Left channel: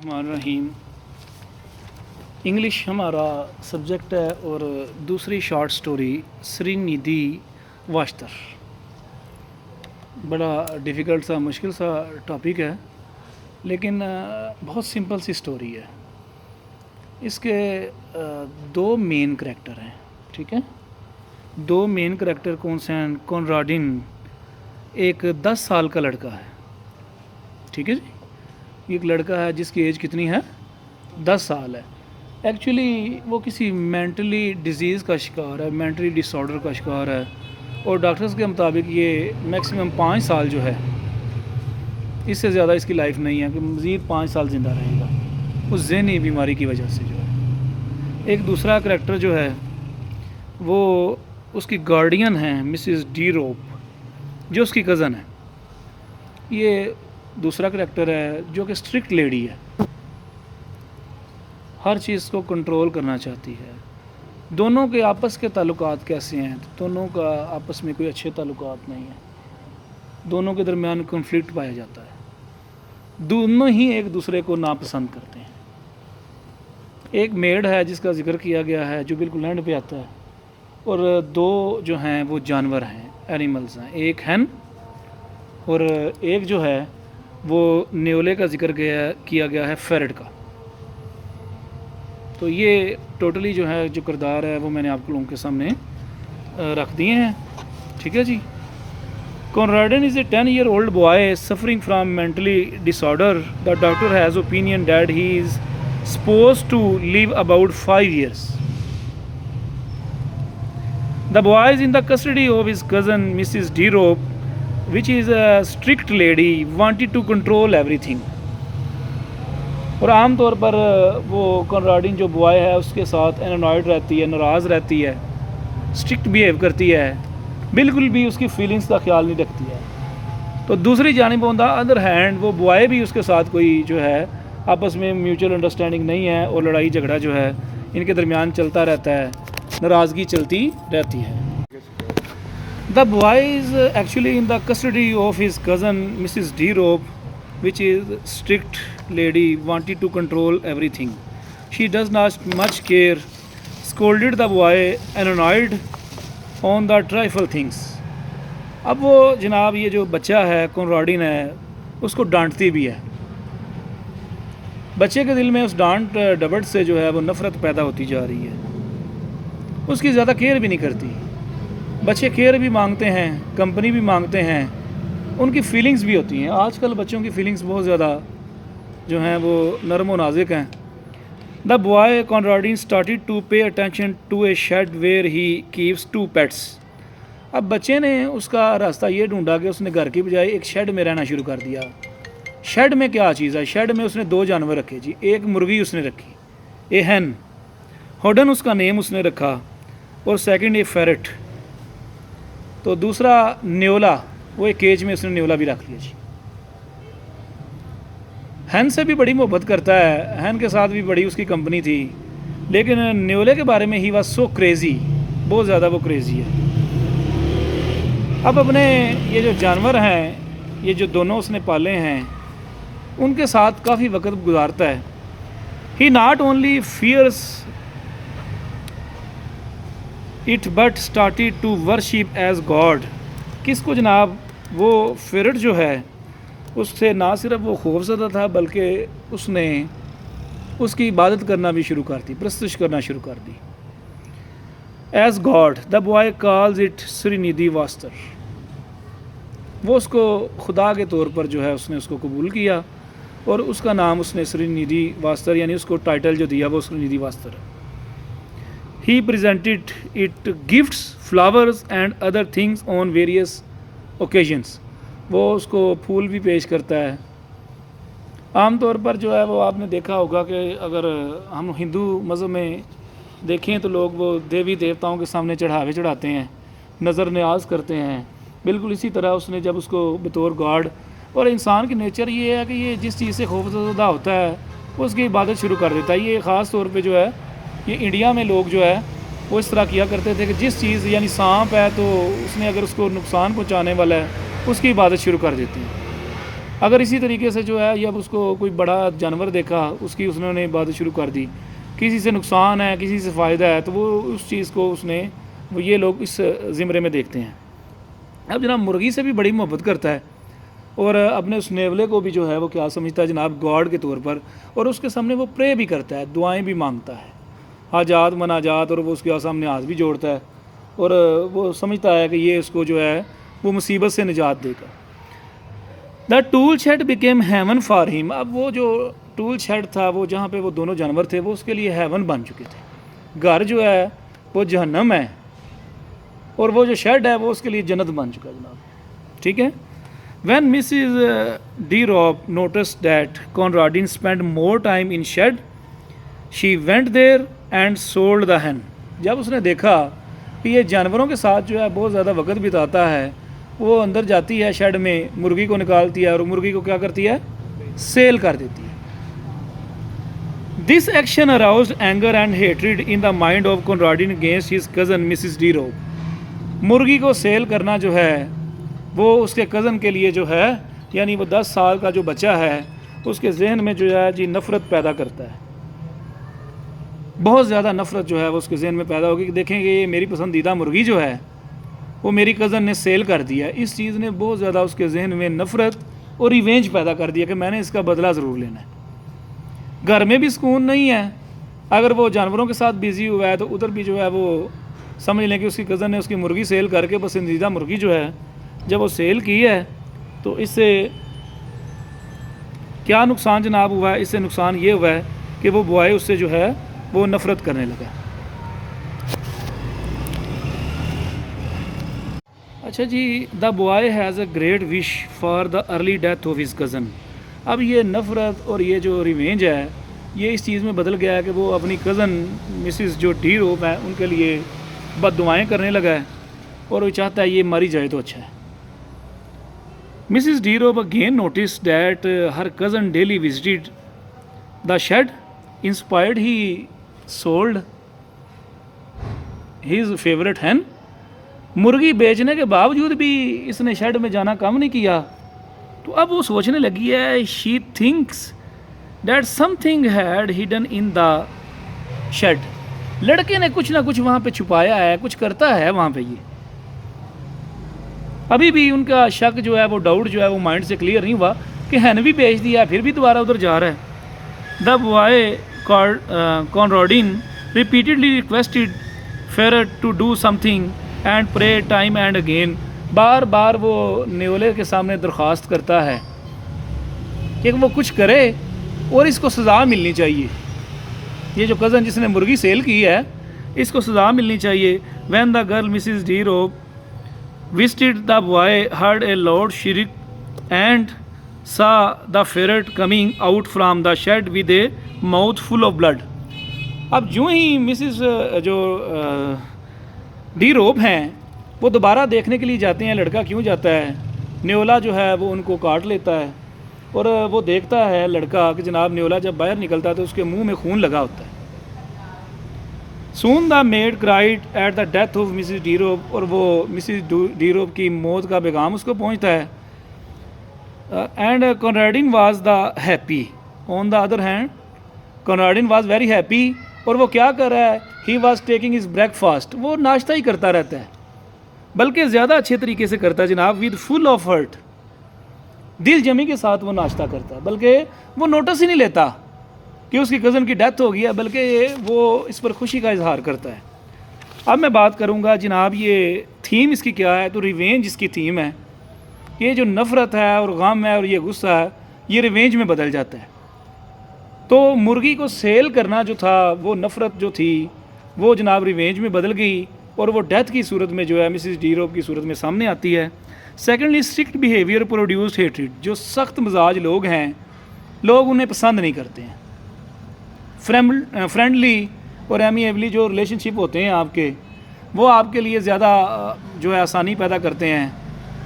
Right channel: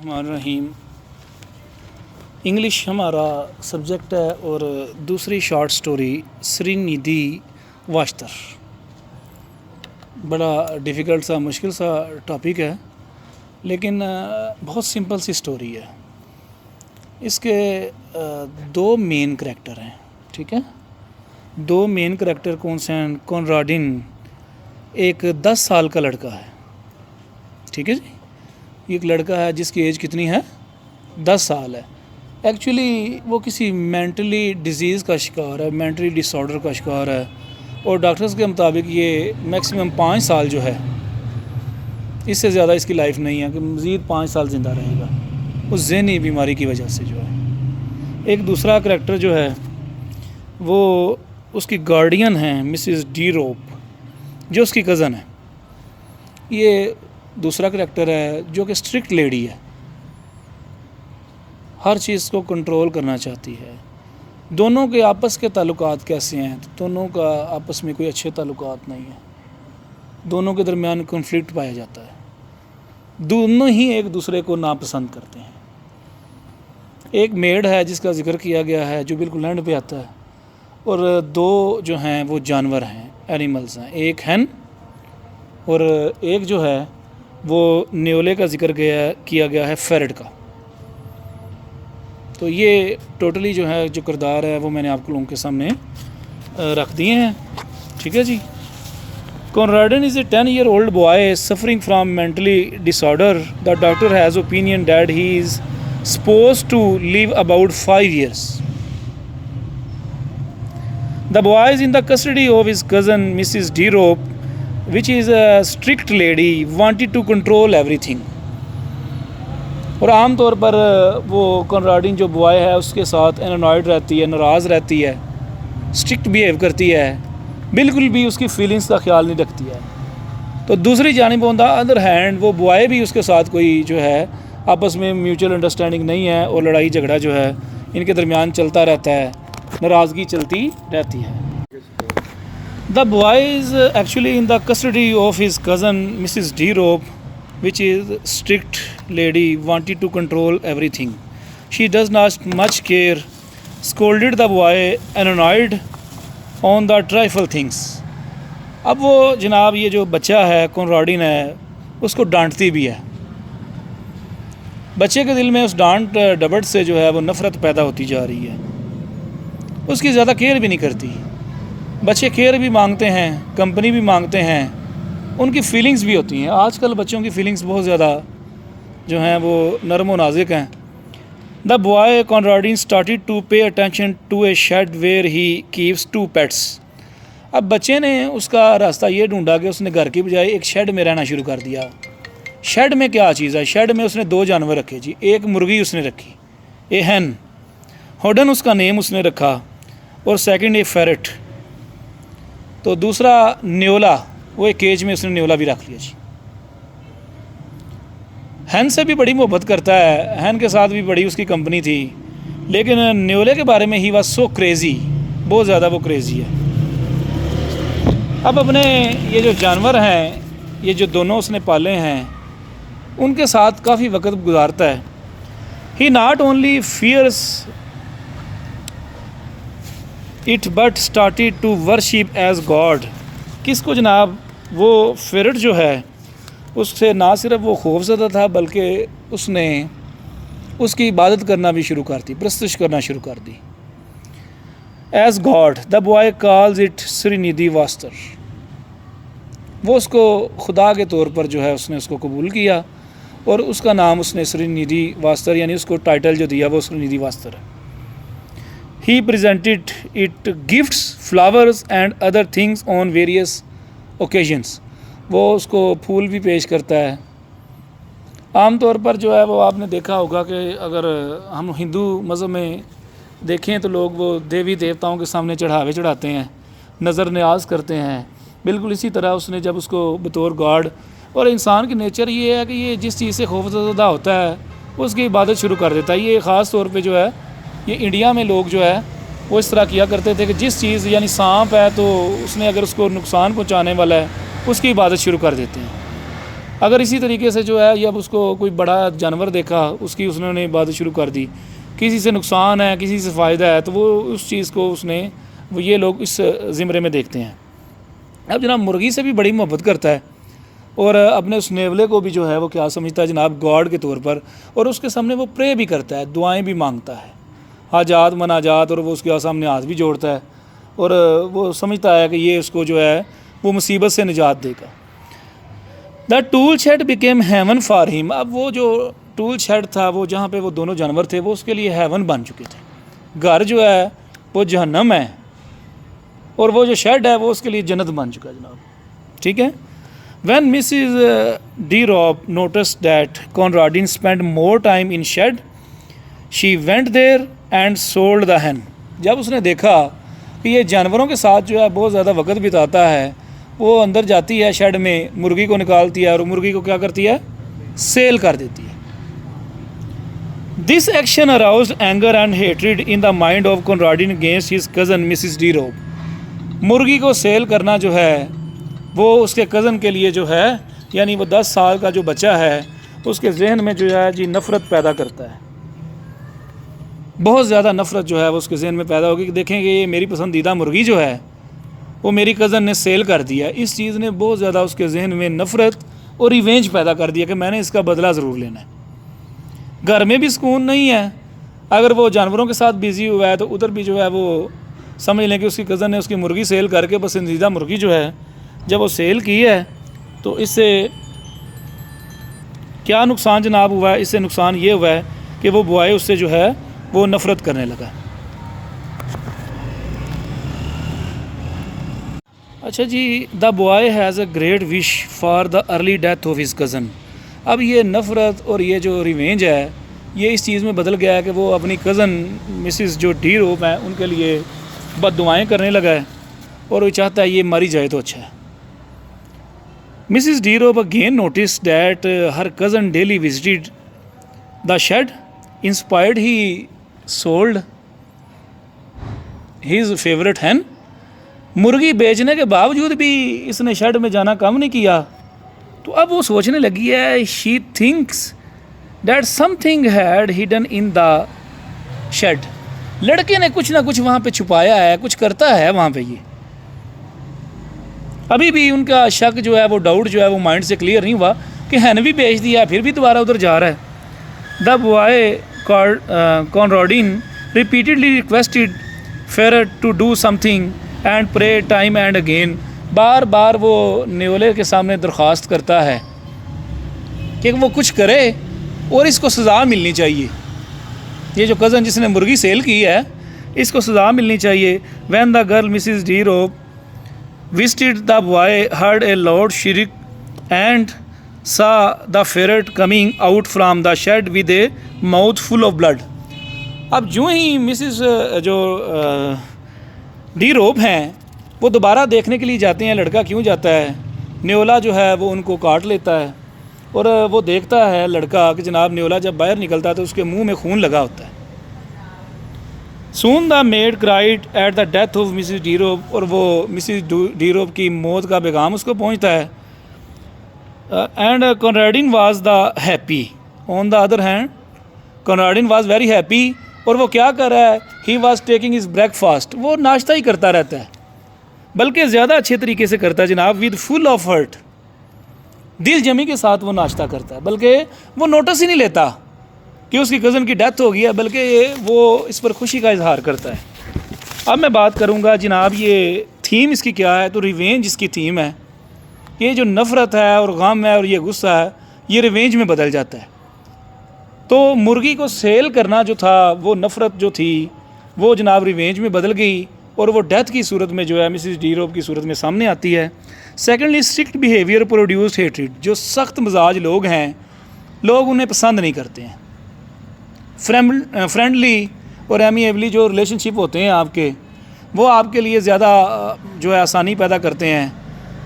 الرحمن الرحیم۔ انگلش ہمارا سبجیکٹ ہے اور دوسری شارٹ سٹوری سری ندھی واشتر۔ بڑا ڈیفیکلٹ سا مشکل سا ٹاپک ہے لیکن بہت سمپل سی سٹوری ہے۔ اس کے دو مین کریکٹر ہیں، ٹھیک ہے۔ دو مین کریکٹر کون سے ہیں؟ کونراڈن ایک 10 سال کا لڑکا ہے، ٹھیک ہے جی۔ ایک لڑکا ہے جس کی ایج کتنی ہے؟ 10 سال ہے۔ ایکچولی وہ کسی مینٹلی ڈیزیز کا شکار ہے، مینٹلی ڈس آرڈر کا شکار ہے، اور ڈاکٹرز کے مطابق یہ میکسیمم 5 سال جو ہے، اس سے زیادہ اس کی لائف نہیں ہے کہ مزید 5 سال زندہ رہے گا اس ذہنی بیماری کی وجہ سے جو ہے۔ ایک دوسرا کریکٹر جو ہے وہ اس کی گارڈین ہیں مسز ڈی روپ، جو اس کی کزن ہے۔ یہ دوسرا کریکٹر ہے جو کہ اسٹرکٹ لیڈی ہے، ہر چیز کو کنٹرول کرنا چاہتی ہے۔ دونوں کے آپس کے تعلقات کیسے ہیں؟ دونوں کا آپس میں کوئی اچھے تعلقات نہیں ہیں، دونوں کے درمیان کنفلکٹ پایا جاتا ہے، دونوں ہی ایک دوسرے کو ناپسند کرتے ہیں۔ ایک میڈ ہے جس کا ذکر کیا گیا ہے جو بالکل اینڈ پہ آتا ہے، اور دو جو ہیں وہ جانور ہیں، اینیملز ہیں، ایک ہین اور ایک جو ہے وہ نیولے کا ذکر کیا گیا ہے فیرٹ کا۔ تو یہ ٹوٹلی جو ہے جو کردار ہے وہ میں نے آپ لوگوں کے سامنے رکھ دیے ہیں، ٹھیک ہے جی۔ کونراڈن is a 10-year-old boy suffering from mentally disorder. The doctor has opinion that he is supposed to live about 5 years. The boy is in the custody of his cousin Mrs. D. Rope, which is a strict lady, wanted to control everything. اور عام طور پر وہ کونراڈن جو boy ہے اس کے ساتھ اینوائڈ رہتی ہے، ناراض رہتی ہے، اسٹرکٹ بیہیو کرتی ہے، بالکل بھی اس کی فیلنگز کا خیال نہیں رکھتی ہے۔ تو دوسری جانب آن دا ادر ہینڈ وہ بوائے بھی اس کے ساتھ کوئی جو ہے آپس میں میوچل انڈرسٹینڈنگ نہیں ہے، اور لڑائی جھگڑا جو ہے ان کے درمیان چلتا رہتا ہے، ناراضگی چلتی رہتی ہے۔ The boy is actually in the custody of his cousin Mrs. D. Rope, which is strict lady, wanted to control everything. She does not much care, scolded the boy, annoyed on the trifle things. اب وہ جناب یہ جو بچہ ہے کونراڈن ہے اس کو ڈانٹتی بھی ہے۔ بچے کے دل میں اس ڈانٹ ڈپٹ سے جو ہے وہ نفرت پیدا ہوتی جا رہی ہے، اس کی زیادہ کیئر بھی نہیں کرتی۔ بچے کیئر بھی مانگتے ہیں، کمپنی بھی مانگتے ہیں، ان کی فیلنگز بھی ہوتی ہیں۔ آج کل بچوں کی فیلنگز بہت زیادہ جو ہیں وہ نرم و نازک ہیں۔ The boy Conradin started to pay attention to a shed where he keeps 2 pets. اب بچے نے اس کا راستہ یہ ڈھونڈا کہ اس نے گھر کی بجائے ایک شیڈ میں رہنا شروع کر دیا۔ شیڈ میں کیا چیز ہے؟ شیڈ میں اس نے 2 جانور رکھے جی، ایک مرغی اس نے رکھی، اے ہین، ہوڈن اس کا نیم اس نے رکھا، اور سیکنڈ اے فیرٹ۔ تو دوسرا نیولا، وہ ایک کیج میں اس نے نیولا بھی رکھ لیا جی۔ ہین سے بھی بڑی محبت کرتا ہے، ہین کے ساتھ بھی بڑی اس کی کمپنی تھی، لیکن نیولے کے بارے میں ہی واز سو کریزی، بہت زیادہ وہ کریزی ہے۔ اب اپنے یہ جو جانور ہیں، یہ جو دونوں اس نے پالے ہیں، ان کے ساتھ کافی وقت گزارتا ہے۔ He not only fears it but started to worship as God. کس کو جناب؟ وہ فیرٹ جو ہے اس سے نہ صرف وہ خوف زدہ تھا بلکہ اس نے اس کی عبادت کرنا بھی شروع کر دی، پرستش کرنا شروع کر دی، as God. The boy calls it Sredni Vashtar. وہ اس کو خدا کے طور پر جو ہے اس نے اس کو قبول کیا، اور اس کا نام اس نے سری ندھی واسطر، یعنی اس کو ٹائٹل جو دیا وہ سری ندھی واسطر ہے۔ He presented it gifts, flowers and other things on various occasions. وہ اس کو پھول بھی پیش کرتا ہے۔ عام طور پر جو ہے وہ آپ نے دیکھا ہوگا کہ اگر ہم ہندو مذہب میں دیکھیں تو لوگ وہ دیوی دیوتاؤں کے سامنے چڑھاوے چڑھاتے ہیں، نظر نیاز کرتے ہیں۔ بالکل اسی طرح اس نے جب اس کو بطور گاڈ، اور انسان کی نیچر یہ ہے کہ یہ جس چیز سے خوف زدہ ہوتا ہے وہ اس کی عبادت شروع کر دیتا ہے۔ یہ خاص طور پہ جو ہے یہ انڈیا میں لوگ جو ہے وہ اس طرح کیا کرتے تھے کہ جس چیز یعنی سانپ ہے تو اس نے اگر اس کو نقصان پہنچانے والا ہے اس کی عبادت شروع کر دیتے ہیں۔ اگر اسی طریقے سے جو ہے یا اس کو کوئی بڑا جانور دیکھا اس کی اس نے عبادت شروع کر دی، کسی سے نقصان ہے کسی سے فائدہ ہے تو وہ اس چیز کو وہ یہ لوگ اس زمرے میں دیکھتے ہیں۔ اب جناب مرغی سے بھی بڑی محبت کرتا ہے اور اپنے اس نیولے کو بھی جو ہے وہ کیا سمجھتا ہے جناب گاڈ کے طور پر، اور اس کے سامنے وہ پرے بھی کرتا ہے، دعائیں بھی مانگتا ہے، حاجات مناجات، اور وہ اس کے سامنے ہاتھ بھی جوڑتا ہے اور وہ سمجھتا ہے کہ یہ اس کو جو ہے وہ مصیبت سے نجات دے گا۔ The tool shed became heaven for him, اب وہ جو ٹول شیڈ تھا وہ جہاں پہ وہ دونوں جانور تھے وہ اس کے لیے ہیون بن چکے تھے، گھر جو ہے وہ جہنم ہے اور وہ جو شیڈ ہے وہ اس کے لیے جنت بن چکا ہے جناب، ٹھیک ہے۔ When Mrs De Ropp notices that Conradin spend more time in shed she went there and sold the hen, جب اس نے دیکھا کہ یہ جانوروں کے ساتھ جو ہے بہت زیادہ وقت بتاتا ہے، وہ اندر جاتی ہے شیڈ میں، مرغی کو نکالتی ہے اور مرغی کو کیا کرتی ہے، سیل کر دیتی ہے۔ This action aroused anger and hatred in the mind of Conradin against his cousin Mrs De Ropp, مرغی کو سیل کرنا جو ہے وہ اس کے کزن کے لیے جو ہے یعنی وہ 10 سال کا جو بچہ ہے اس کے ذہن میں جو ہے جی نفرت پیدا کرتا ہے، بہت زیادہ نفرت جو ہے وہ اس کے ذہن میں پیدا ہوگی کہ دیکھیں کہ یہ میری پسندیدہ مرغی جو ہے وہ میری کزن نے سیل کر دیا، اس چیز نے بہت زیادہ اس کے ذہن میں نفرت اور ریونج پیدا کر دیا کہ میں نے اس کا بدلہ ضرور لینا ہے۔ گھر میں بھی سکون نہیں ہے، اگر وہ جانوروں کے ساتھ بیزی ہوا ہے تو ادھر بھی جو ہے وہ سمجھ لیں کہ اس کی کزن نے اس کی مرغی سیل کر کے پسندیدہ مرغی جو ہے جب وہ سیل کی ہے تو اس سے کیا نقصان جناب ہوا ہے، اس سے نقصان یہ ہوا ہے کہ وہ بوائے اس سے جو ہے وہ نفرت کرنے لگا۔ اچھا جی، the boy has a great wish for the early death of his cousin, اب یہ نفرت اور یہ جو ریونج ہے یہ اس چیز میں بدل گیا ہے کہ وہ اپنی کزن مسز جو ڈی روپ ہیں ان کے لیے بد دعائیں کرنے لگا ہے اور وہ چاہتا ہے یہ ماری جائے تو اچھا ہے۔ Mrs De Roop again notices that her cousin daily visited the shed inspired he sold his favourite hen, مرغی بیچنے کے باوجود بھی اس نے شیڈ میں جانا کم نہیں کیا، تو اب وہ سوچنے لگی ہے she thinks that something had hidden in the shed, لڑکے نے کچھ نہ کچھ وہاں پہ چھپایا ہے، کچھ کرتا ہے وہاں پہ، یہ ابھی بھی ان کا شک جو ہے وہ ڈاؤٹ جو ہے وہ مائنڈ سے کلیئر نہیں ہوا کہ ہین بھی بیچ دیا پھر بھی دوبارہ ادھر جا رہا ہے۔ The boy Conradin repeatedly requested ferret to do something and pray time and again, بار بار وہ نیولے کے سامنے درخواست کرتا ہے کہ وہ کچھ کرے اور اس کو سزا ملنی چاہیے، یہ جو کزن جس نے مرغی سیل کی ہے اس کو سزا ملنی چاہیے۔ When the girl Mrs De Ropp visited the boy heard a loud shriek and saw the ferret coming out from the shed with a mouthful of blood, اب جو ہی مسز جو ڈی روپ ہیں وہ دوبارہ دیکھنے کے لیے جاتے ہیں لڑکا کیوں جاتا ہے، نیولا جو ہے وہ ان کو کاٹ لیتا ہے اور وہ دیکھتا ہے لڑکا کہ جناب نیولا جب باہر نکلتا ہے تو اس کے منہ میں خون لگا ہوتا ہے۔ Soon the maid cried at the death of Mrs De Ropp, اور وہ مسز ڈی روپ کی موت کا پیغام اس کو پہنچتا ہے۔ And Conradin was the happy, on the other hand Conradin was very happy, اور وہ کیا کر رہا ہے، he was taking his breakfast, وہ ناشتہ ہی کرتا رہتا ہے بلکہ زیادہ اچھے طریقے سے کرتا ہے جناب، ود فل آف ہرٹ، دل جمی کے ساتھ وہ ناشتہ کرتا ہے، بلکہ وہ نوٹس ہی نہیں لیتا کہ اس کی کزن کی ڈیتھ ہو گئی ہے، بلکہ وہ اس پر خوشی کا اظہار کرتا ہے۔ اب میں بات کروں گا جناب یہ تھیم اس کی کیا ہے، تو ریونج اس کی تھیم ہے، یہ جو نفرت ہے اور غم ہے اور یہ غصہ ہے یہ ریونج میں بدل جاتا ہے۔ تو مرغی کو سیل کرنا جو تھا وہ نفرت جو تھی وہ جناب ریونج میں بدل گئی اور وہ ڈیتھ کی صورت میں جو ہے مسز ڈی روپ کی صورت میں سامنے آتی ہے۔ Secondly strict behaviour produce hatred, جو سخت مزاج لوگ ہیں لوگ انہیں پسند نہیں کرتے ہیں۔ فرینڈلی اور ایمیبلی جو ریلیشن شپ ہوتے ہیں آپ کے وہ آپ کے لیے زیادہ جو ہے آسانی پیدا کرتے ہیں،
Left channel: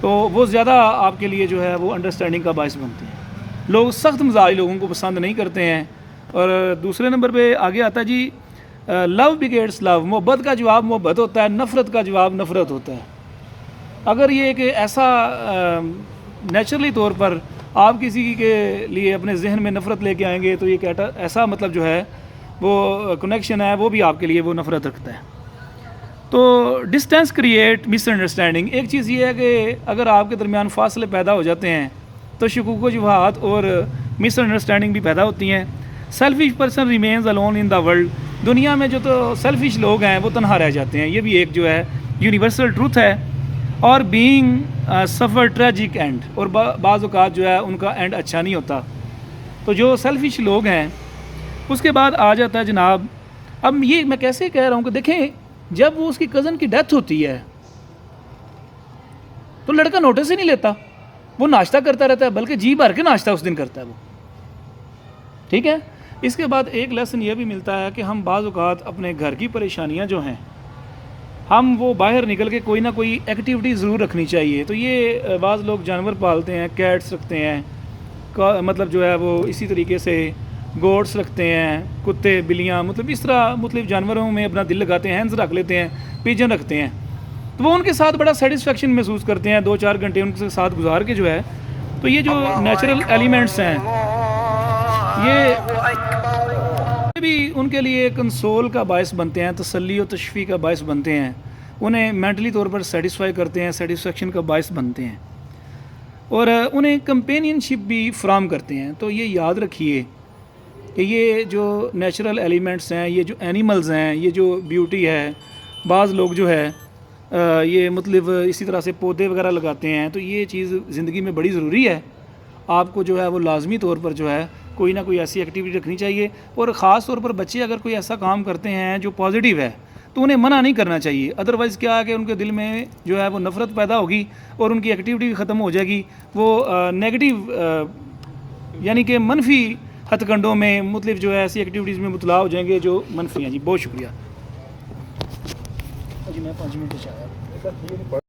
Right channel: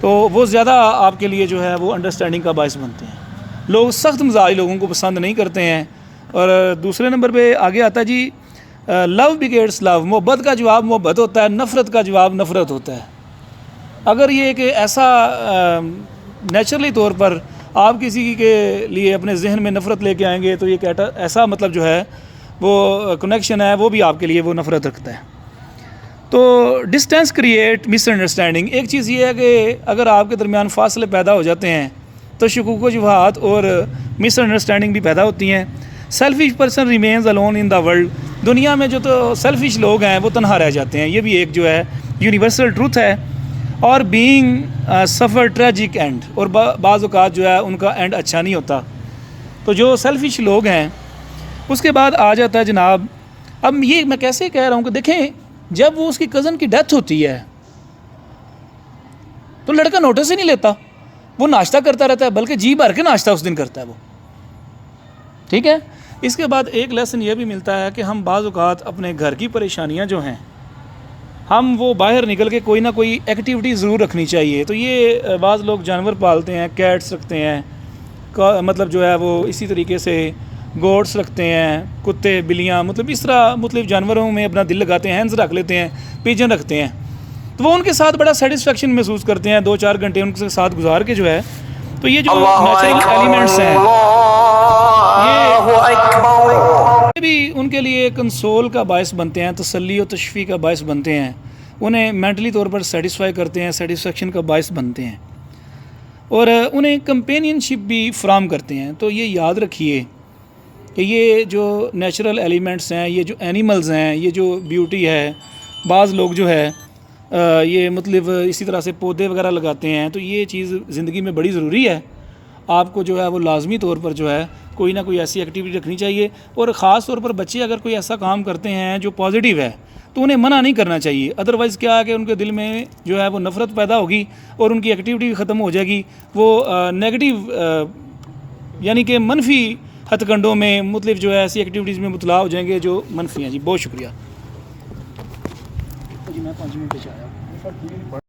تو وہ زیادہ آپ کے لیے جو ہے وہ انڈرسٹینڈنگ کا باعث بنتے ہیں۔ لوگ سخت مزاج لوگوں کو پسند نہیں کرتے ہیں۔ اور دوسرے نمبر پہ آگے آتا ہے جی لو بگیٹس لو، محبت کا جواب محبت ہوتا ہے، نفرت کا جواب نفرت ہوتا ہے۔ اگر یہ ایک ایسا نیچرلی طور پر آپ کسی کے لیے اپنے ذہن میں نفرت لے کے آئیں گے تو یہ ایسا مطلب جو ہے وہ کنیکشن ہے وہ بھی آپ کے لیے وہ نفرت رکھتا ہے. تو ڈسٹینس کریٹ مس انڈرسٹینڈنگ. ایک چیز یہ ہے کہ اگر آپ کے درمیان فاصلے پیدا ہو جاتے ہیں تو شکوک و شبہات اور مس انڈرسٹینڈنگ بھی پیدا ہوتی ہیں. Selfish person remains alone in the world. دنیا میں جو تو سیلفش لوگ ہیں وہ تنہا رہ جاتے ہیں. یہ بھی ایک جو ہے یونیورسل ٹروتھ ہے. اور بینگ سفر ٹریجک اینڈ. اور بعض اوقات جو ہے ان کا اینڈ اچھا نہیں ہوتا. تو جو سیلفش لوگ ہیں اس کے بعد آ جاتا ہے جناب. اب یہ میں کیسے کہہ رہا ہوں کہ دیکھیں جب وہ اس کی کزن کی ڈیتھ ہوتی ہے تو لڑکا نوٹس ہی نہیں لیتا. وہ ناشتہ کرتا رہتا ہے بلکہ جی بھر کے ناشتہ اس دن کرتا ہے وہ. ٹھیک ہے. اس کے بعد ایک لیسن یہ بھی ملتا ہے کہ ہم بعض اوقات اپنے گھر کی پریشانیاں جو ہیں ہم وہ باہر نکل کے کوئی نہ کوئی ایکٹیویٹی ضرور رکھنی چاہیے. تو یہ بعض لوگ جانور پالتے ہیں, کیٹس رکھتے ہیں, مطلب جو ہے وہ اسی طریقے سے گوٹس رکھتے ہیں, کتے بلیاں, مطلب اس طرح مختلف جانوروں میں اپنا دل لگاتے ہیں, ہینز رکھ لیتے ہیں, پیجن رکھتے ہیں. تو وہ ان کے ساتھ بڑا سیٹسفیکشن محسوس کرتے ہیں 2-4 گھنٹے ان کے ساتھ گزار کے جو ہے. تو یہ جو نیچرل ایلیمنٹس ہیں یہ بھی ان کے لیے کنسول کا باعث بنتے ہیں, تسلی و تشفی کا باعث بنتے ہیں, انہیں مینٹلی طور پر سیٹسفائی کرتے ہیں, سیٹسفیکشن کا باعث بنتے ہیں اور انہیں کمپینین شپ بھی فراہم کرتے ہیں. تو یہ یاد رکھیے کہ یہ جو نیچرل ایلیمنٹس ہیں, یہ جو اینیملز ہیں, یہ جو بیوٹی ہے, بعض لوگ جو ہے یہ مطلب اسی طرح سے پودے وغیرہ لگاتے ہیں. تو یہ چیز زندگی میں بڑی ضروری ہے. آپ کو جو ہے وہ لازمی طور پر جو ہے کوئی نہ کوئی ایسی ایکٹیویٹی رکھنی چاہیے. اور خاص طور پر بچے اگر کوئی ایسا کام کرتے ہیں جو پازیٹیو ہے تو انہیں منع نہیں کرنا چاہیے. ادروائز کیا ہے کہ ان کے دل میں جو ہے وہ نفرت پیدا ہوگی اور ان کی ایکٹیویٹی بھی ختم ہو جائے گی. وہ نیگیٹیو یعنی کہ منفی ہتھ کنڈوں میں مطلب جو ہے ایسی ایکٹیویٹیز میں مبتلا ہو جائیں گے جو منفی ہیں. جی بہت شکریہ. جی میں 5 منٹ